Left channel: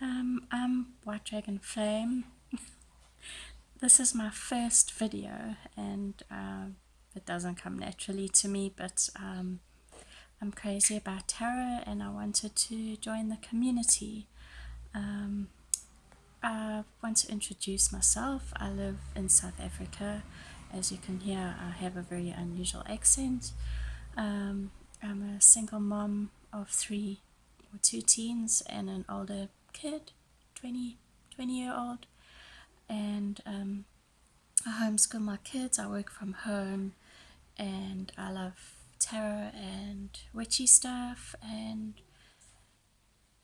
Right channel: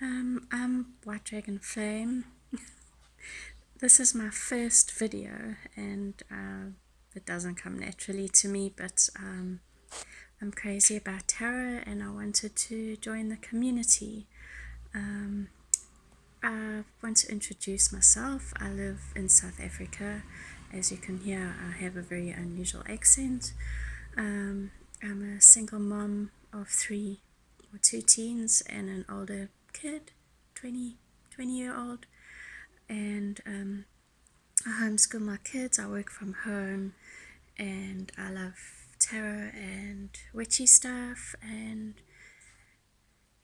I'm White Dragon Flame. This is my first video, and it doesn't come naturally to me, but I'm crazy about tarot and I wanted to join the community. I want to introduce myself. I live in South Africa. As you can hear, I have a very unusual accent. I'm a single mom of two teens and an older kid, 20-year-old, and I homeschool my kids. I work from home, and I love tarot and witchy stuff. And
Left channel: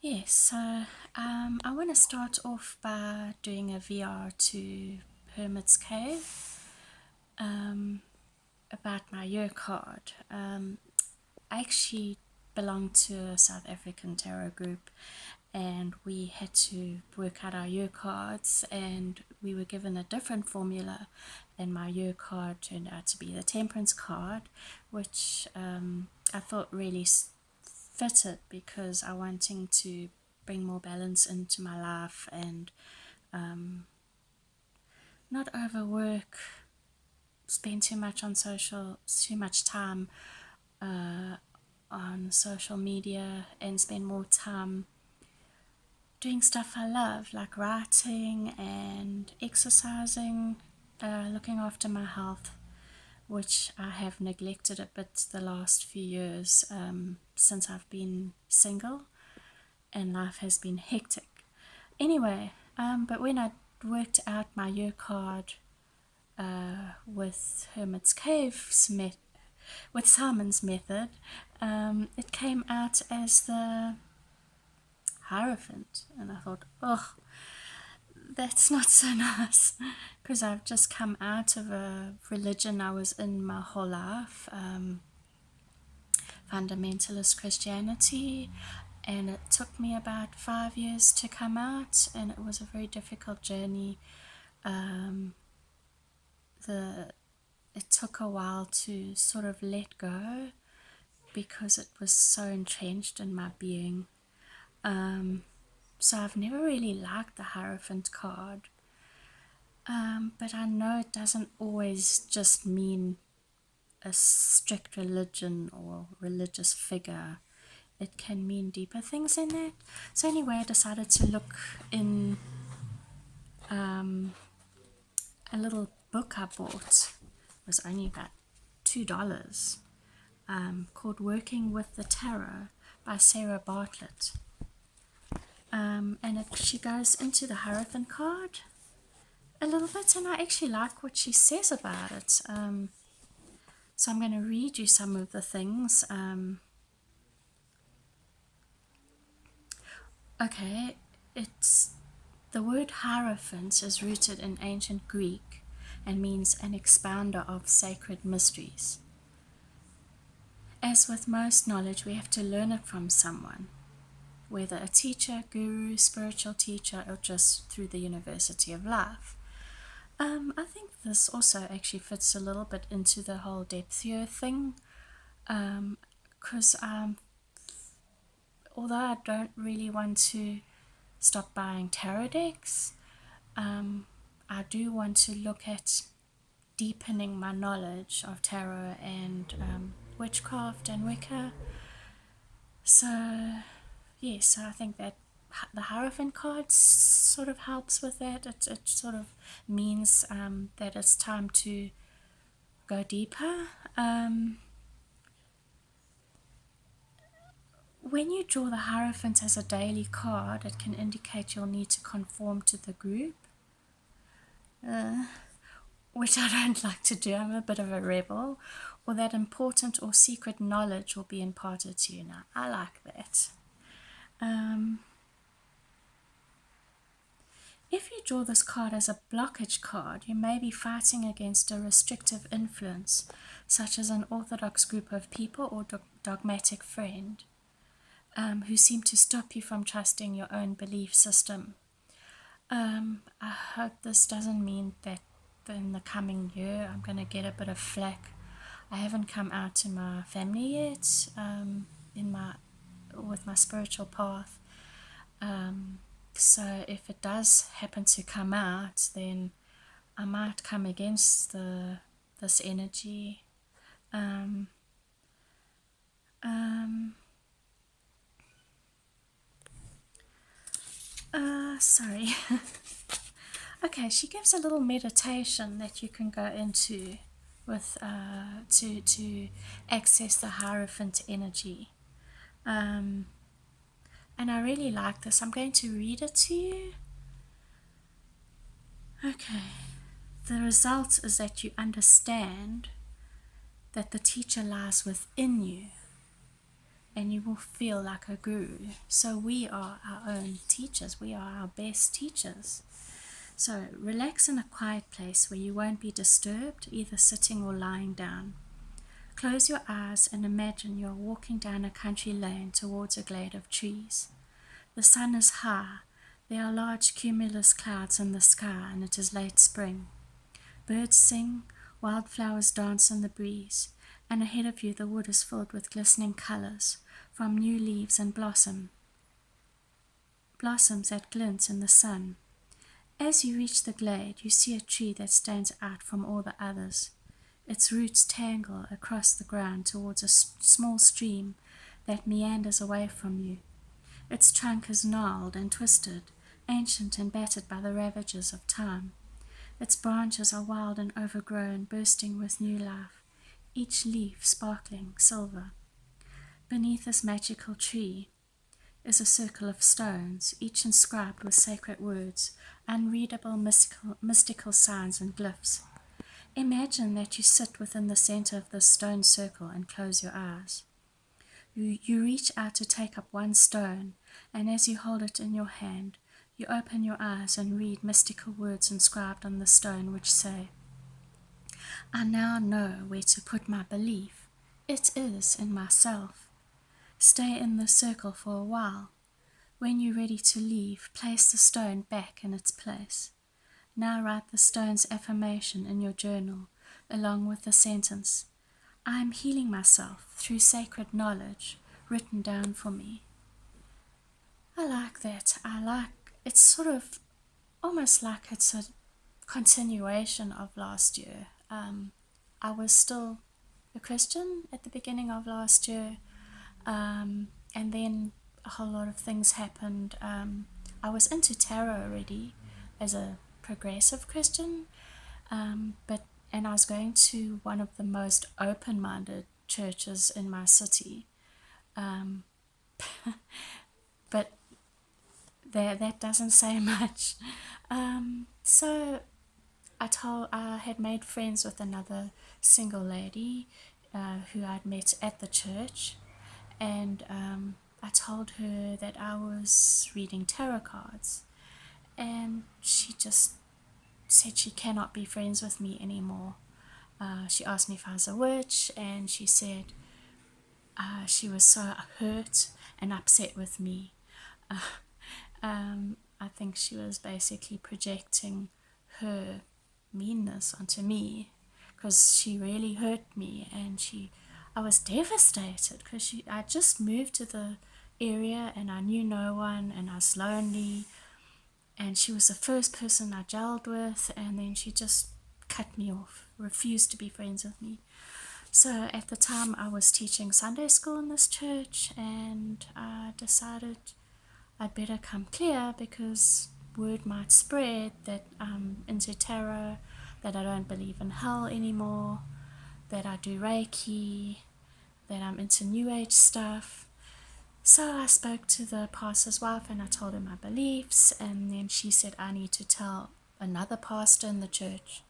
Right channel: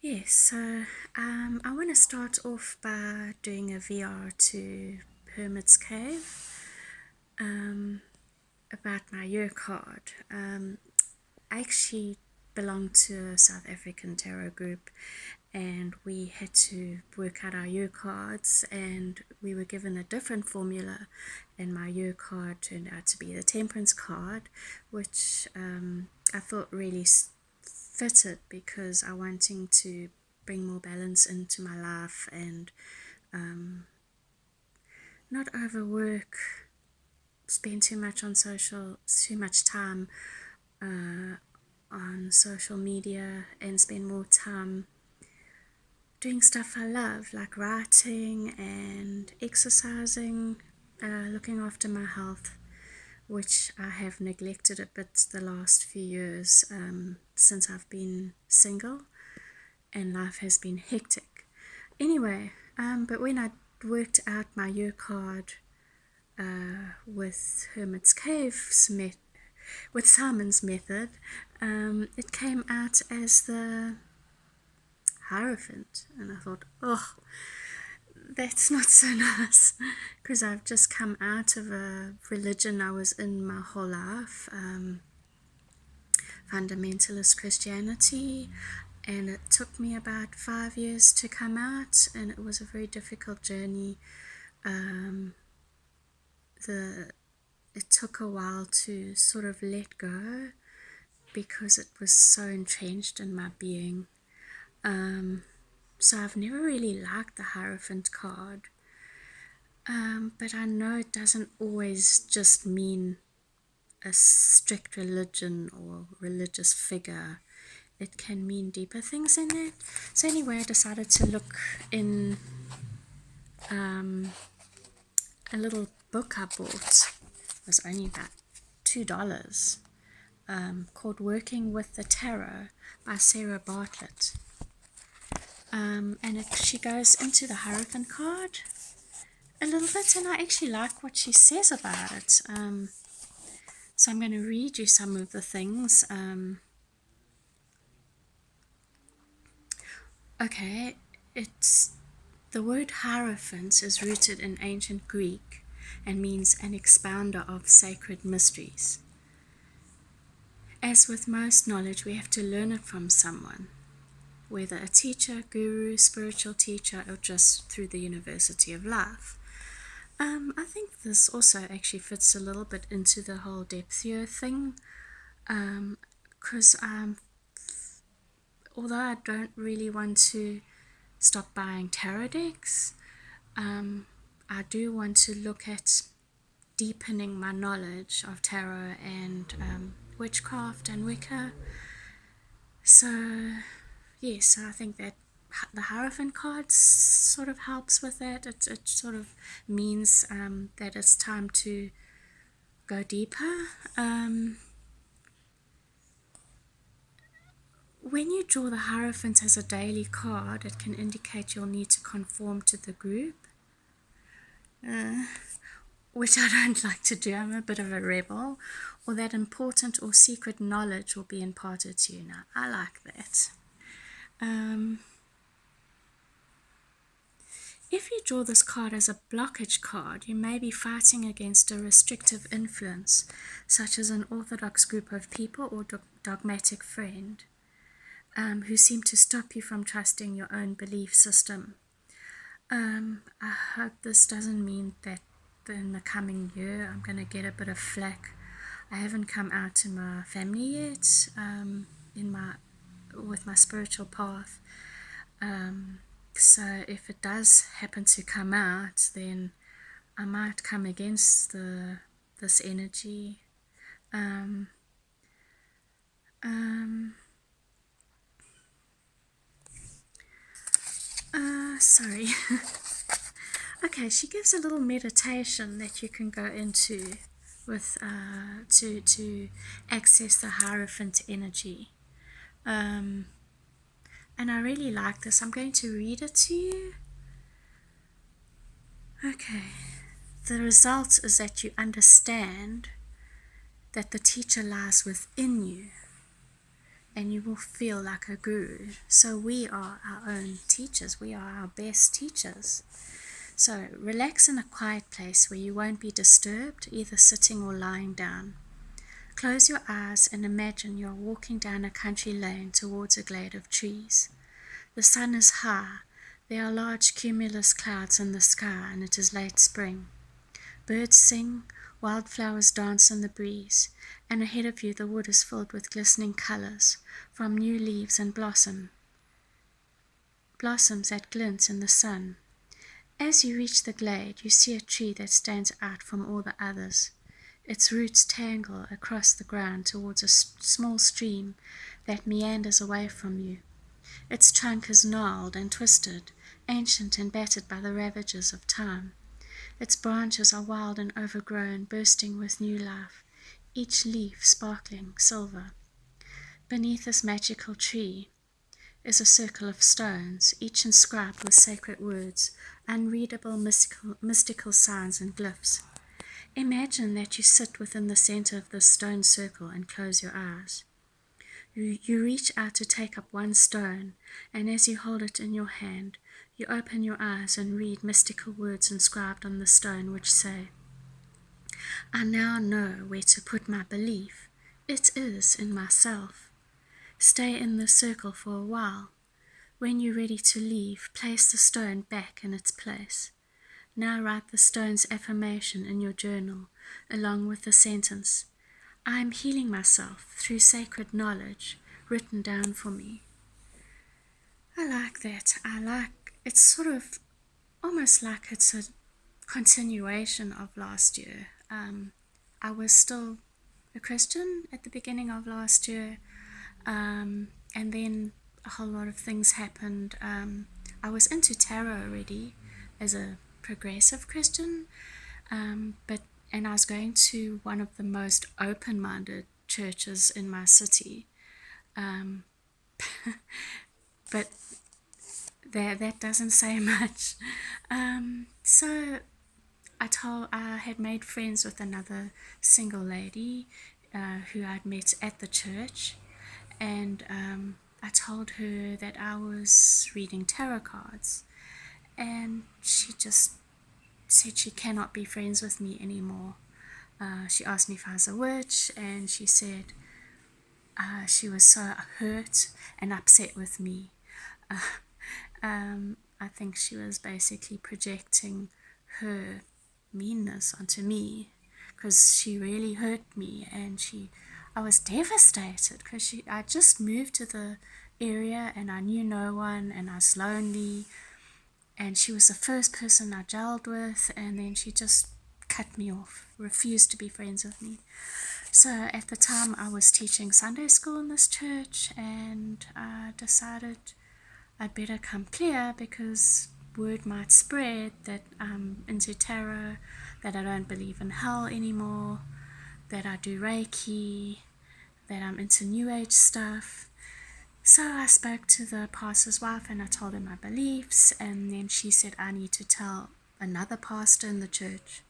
yes, so I want to start off by doing a VR to Hermit's Cave about my year card. I actually belong to a South African tarot group, and we had to work out our year cards, and we were given a different formula, and my year card turned out to be the Temperance card, which I thought really fitted because I wanting to bring more balance into my life and not overwork, spend too much time on social media, and spend more time doing stuff I love, like writing and exercising, looking after my health, which I have neglected a bit the last few years since I've been single and life has been hectic. Anyway, but when I worked out my year card with Hermit's Cave's with Simon's method, it came out as the Hierophant, and I thought, oh, that's not so nice, because I've just come out of a religion I was in my whole life, fundamentalist Christianity, and it took me about 5 years to come out, and it was a very difficult journey. It took a while to sort of let go because it was so entrenched in my being. So I've never really liked the Hierophant card, but I know it doesn't always just mean a strict religion or religious figure. It can mean deeper things in it. So anyway, I decided to look in a little book I bought. It was only about $2, called Working with the Tarot by Sarah Bartlett. And she goes into the Hierophant card a little bit, and I actually like what she says about it. So I'm going to read you some of the things. Okay, the word Hierophant is rooted in ancient Greek and means an expounder of sacred mysteries. As with most knowledge, we have to learn it from someone, whether a teacher, guru, spiritual teacher, or just through the University of Life. I think this also actually fits a little bit into the whole depthier thing, because although I don't really want to stop buying tarot decks, I do want to look at deepening my knowledge of tarot and witchcraft and Wicca. So yes, I think that the Hierophant card sort of helps with that. It sort of means that it's time to go deeper. When you draw the Hierophant as a daily card, it can indicate you'll need to conform to the group, which I don't like to do. I'm a bit of a rebel. Or that important or secret knowledge will be imparted to you. Now, I like that. If you draw this card as a blockage card, you may be fighting against a restrictive influence, such as an orthodox group of people or dogmatic friend, who seem to stop you from trusting your own belief system. I hope this doesn't mean that in the coming year I'm going to get a bit of flack. I haven't come out to my family yet with my spiritual path. So if it does happen to come out, then I might come against this energy. Sorry. Okay, she gives a little meditation that you can go into with to access the Hierophant energy. And I really like this. I'm going to read it to you. Okay. The result is that you understand that the teacher lies within you, and you will feel like a guru. So we are our own teachers. We are our best teachers. So relax in a quiet place where you won't be disturbed, either sitting or lying down. Close your eyes and imagine you're walking down a country lane towards a glade of trees. The sun is high. There are large cumulus clouds in the sky, and it is late spring. Birds sing, wildflowers dance in the breeze, and ahead of you the wood is filled with glistening colors from new leaves and blossoms that glint in the sun. As you reach the glade, you see a tree that stands out from all the others. Its roots tangle across the ground towards a small stream that meanders away from you. Its trunk is gnarled and twisted, ancient and battered by the ravages of time. Its branches are wild and overgrown, bursting with new life, each leaf sparkling silver. Beneath this magical tree is a circle of stones, each inscribed with sacred words, unreadable mystical signs and glyphs. Imagine that you sit within the center of this stone circle and close your eyes. You reach out to take up one stone, and as you hold it in your hand, you open your eyes and read mystical words inscribed on the stone which say, I now know where to put my belief. It is in myself. Stay in the circle for a while. When you're ready to leave, place the stone back in its place. Now write the stone's affirmation in your journal, along with the sentence, I am healing myself through sacred knowledge written down for me. I like that. It's sort of almost like it's a continuation of last year. I was still a Christian at the beginning of last year, and then a whole lot of things happened. I was into tarot already as a progressive Christian, and I was going to one of the most open-minded churches in my city, but that doesn't say much. So I had made friends with another single lady who I'd met at the church, and I told her that I was reading tarot cards, and she just said she cannot be friends with me anymore. She asked me if I was a witch, and she said she was so hurt and upset with me. I think she was basically projecting her meanness onto me, because she really hurt me, and I was devastated because I just moved to the area and I knew no one and I was lonely, and she was the first person I gelled with, and then she just cut me off, refused to be friends with me. So at the time I was teaching Sunday school in this church, and I decided I'd better come clear, because word might spread that I'm into tarot, that I don't believe in hell anymore, that I do Reiki, that I'm into New Age stuff. So I spoke to the pastor's wife and I told her my beliefs, and then she said I need to tell another pastor in the church.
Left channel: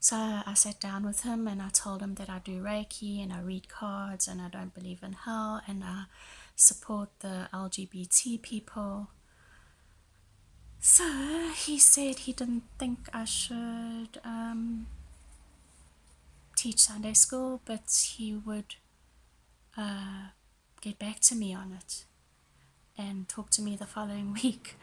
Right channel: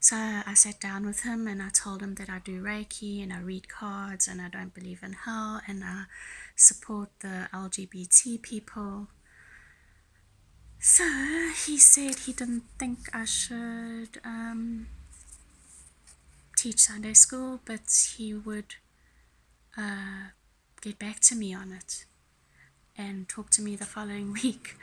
So I sat down with him and I told him that I do Reiki and I read cards and I don't believe in hell and I support the LGBT people. So he said he didn't think I should teach Sunday school, but he would get back to me on it and talk to me the following week.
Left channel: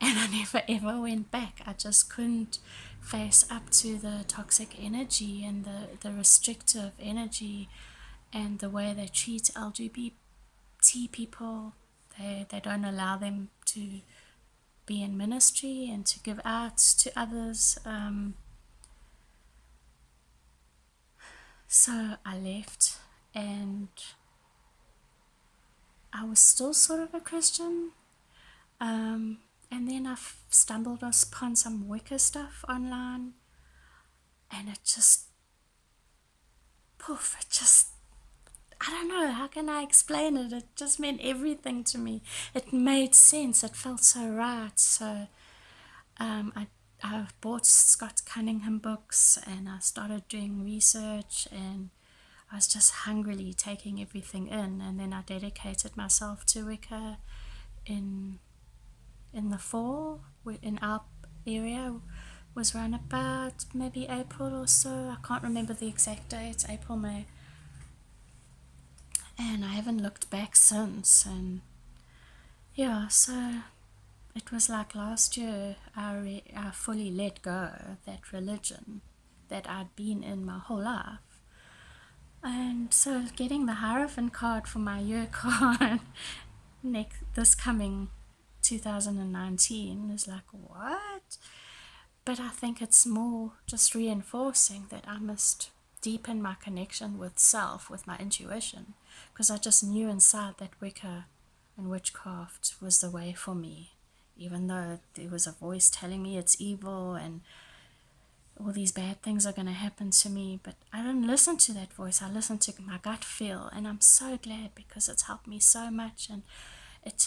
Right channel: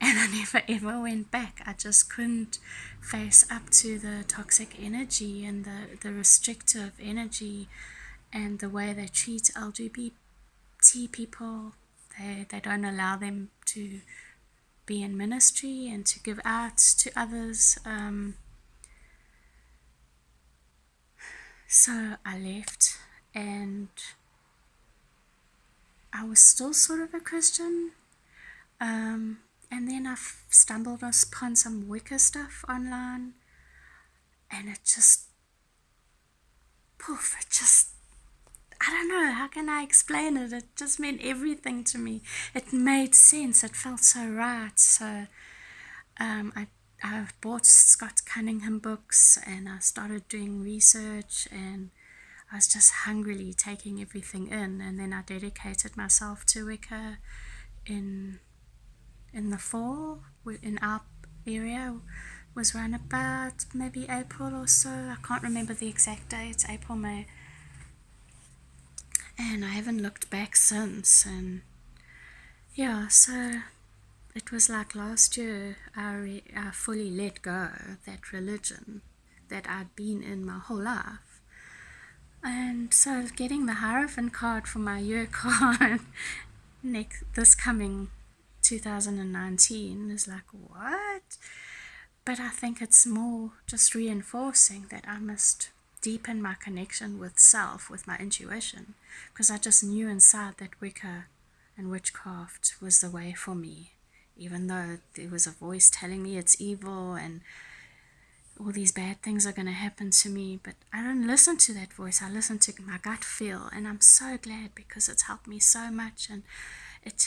And I never ever went back. I just couldn't face up to the toxic energy and the restrictive energy and the way they treat LGBT people. They don't allow them to be in ministry and to give out to others. So I left, and I was still sort of a Christian. And then I stumbled upon some Wicca stuff online, and it just, poof, I don't know, how can I explain it? It just meant everything to me. It made sense. It felt so right. So I bought Scott Cunningham books, and I started doing research, and I was just hungrily taking everything in. And then I dedicated myself to Wicca in the fall. In our area was around about maybe April or so. I can't remember the exact date. April, May. And I haven't looked back since. And yeah, so it was like last year I fully let go that religion that I'd been in my whole life. And so getting the Hierophant card for my year card this coming 2019 is like, what? But I think it's more just reinforcing that I must deepen my connection with self, with my intuition, because I just knew inside that Wicca and witchcraft was the way for me, even though there was a voice telling me it's evil and all these bad things are going to happen to me. But I didn't listen to that voice. I listened to my gut feel, and I'm so glad, because it's helped me so much. And it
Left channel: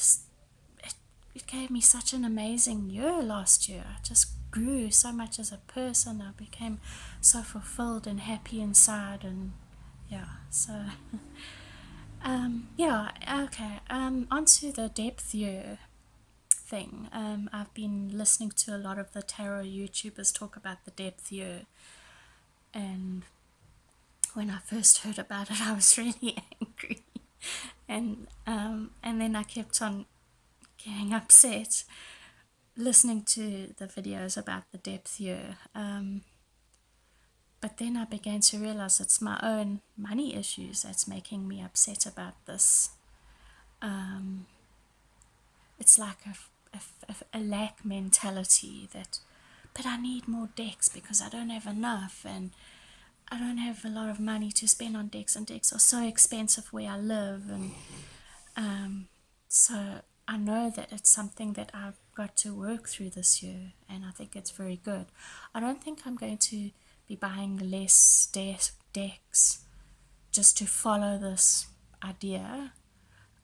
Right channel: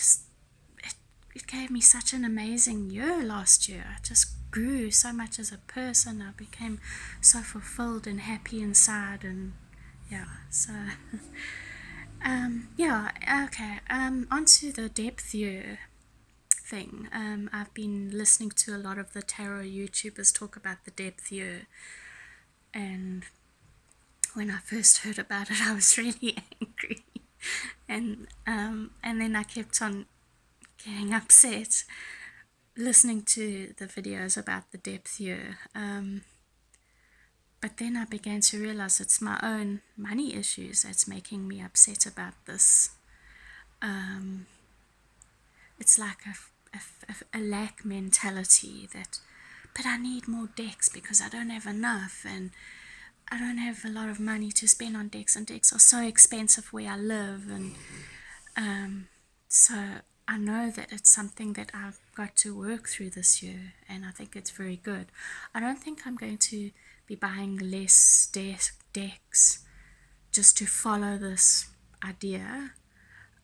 gave me such an amazing year last year. I just grew so much as a person. I became so fulfilled and happy inside. And yeah, so yeah, okay, onto the depth year thing. I've been listening to a lot of the tarot YouTubers talk about the depth year, and when I first heard about it, I was really angry, and then I kept on getting upset listening to the videos about the depth year. But then I began to realize it's my own money issues that's making me upset about this. It's like a lack mentality that, but I need more decks because I don't have enough, and I don't have a lot of money to spend on decks, and decks are so expensive where I live. And so I know that it's something that I've got to work through this year, and I think it's very good. I don't think I'm going to be buying less decks just to follow this idea,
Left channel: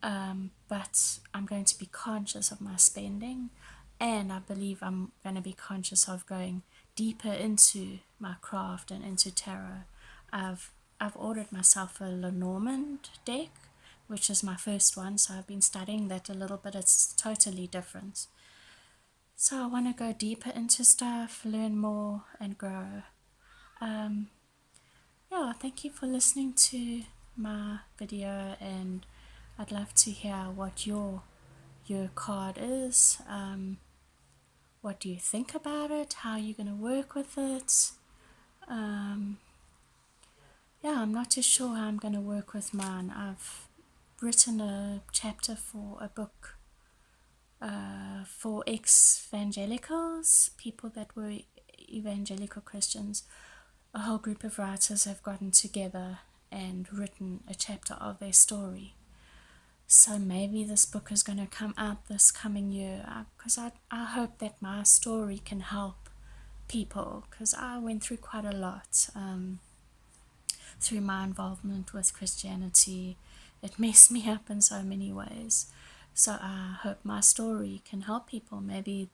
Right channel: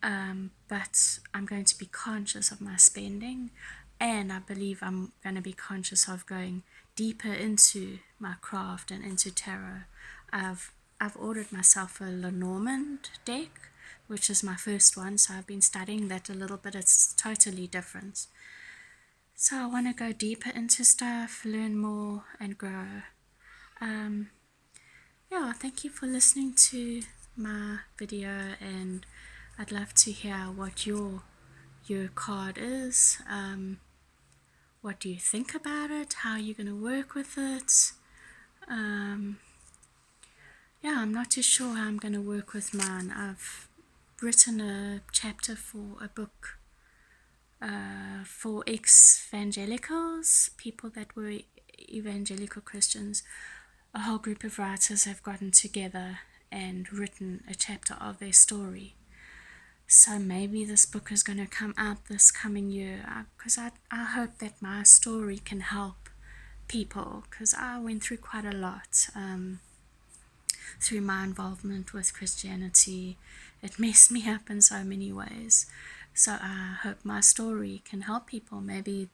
but I'm going to be conscious of my spending, and I believe I'm going to be conscious of going deeper into my craft and into tarot. I've ordered myself a Lenormand deck, which is my first one, so I've been studying that a little bit. It's totally different. So I want to go deeper into stuff, learn more, and grow. Yeah, thank you for listening to my video, and I'd love to hear what your card is. What do you think about it? How are you going to work with it? Yeah, I'm not too sure how I'm going to work with mine. I've written a chapter for a book for ex-evangelicals, people that were evangelical Christians. A whole group of writers have gotten together and written a chapter of their story. So maybe this book is going to come out this coming year, because I hope that my story can help people, because I went through quite a lot through my involvement with Christianity. It messed me up in so many ways. So I hope my story can help people. Maybe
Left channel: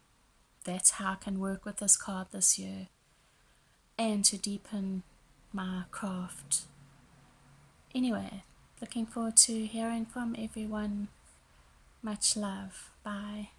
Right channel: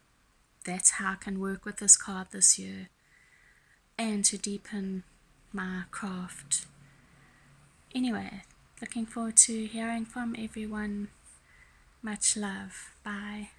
that's how I can work with this card this year, and to deepen my craft. Anyway, looking forward to hearing from everyone. Much love. Bye.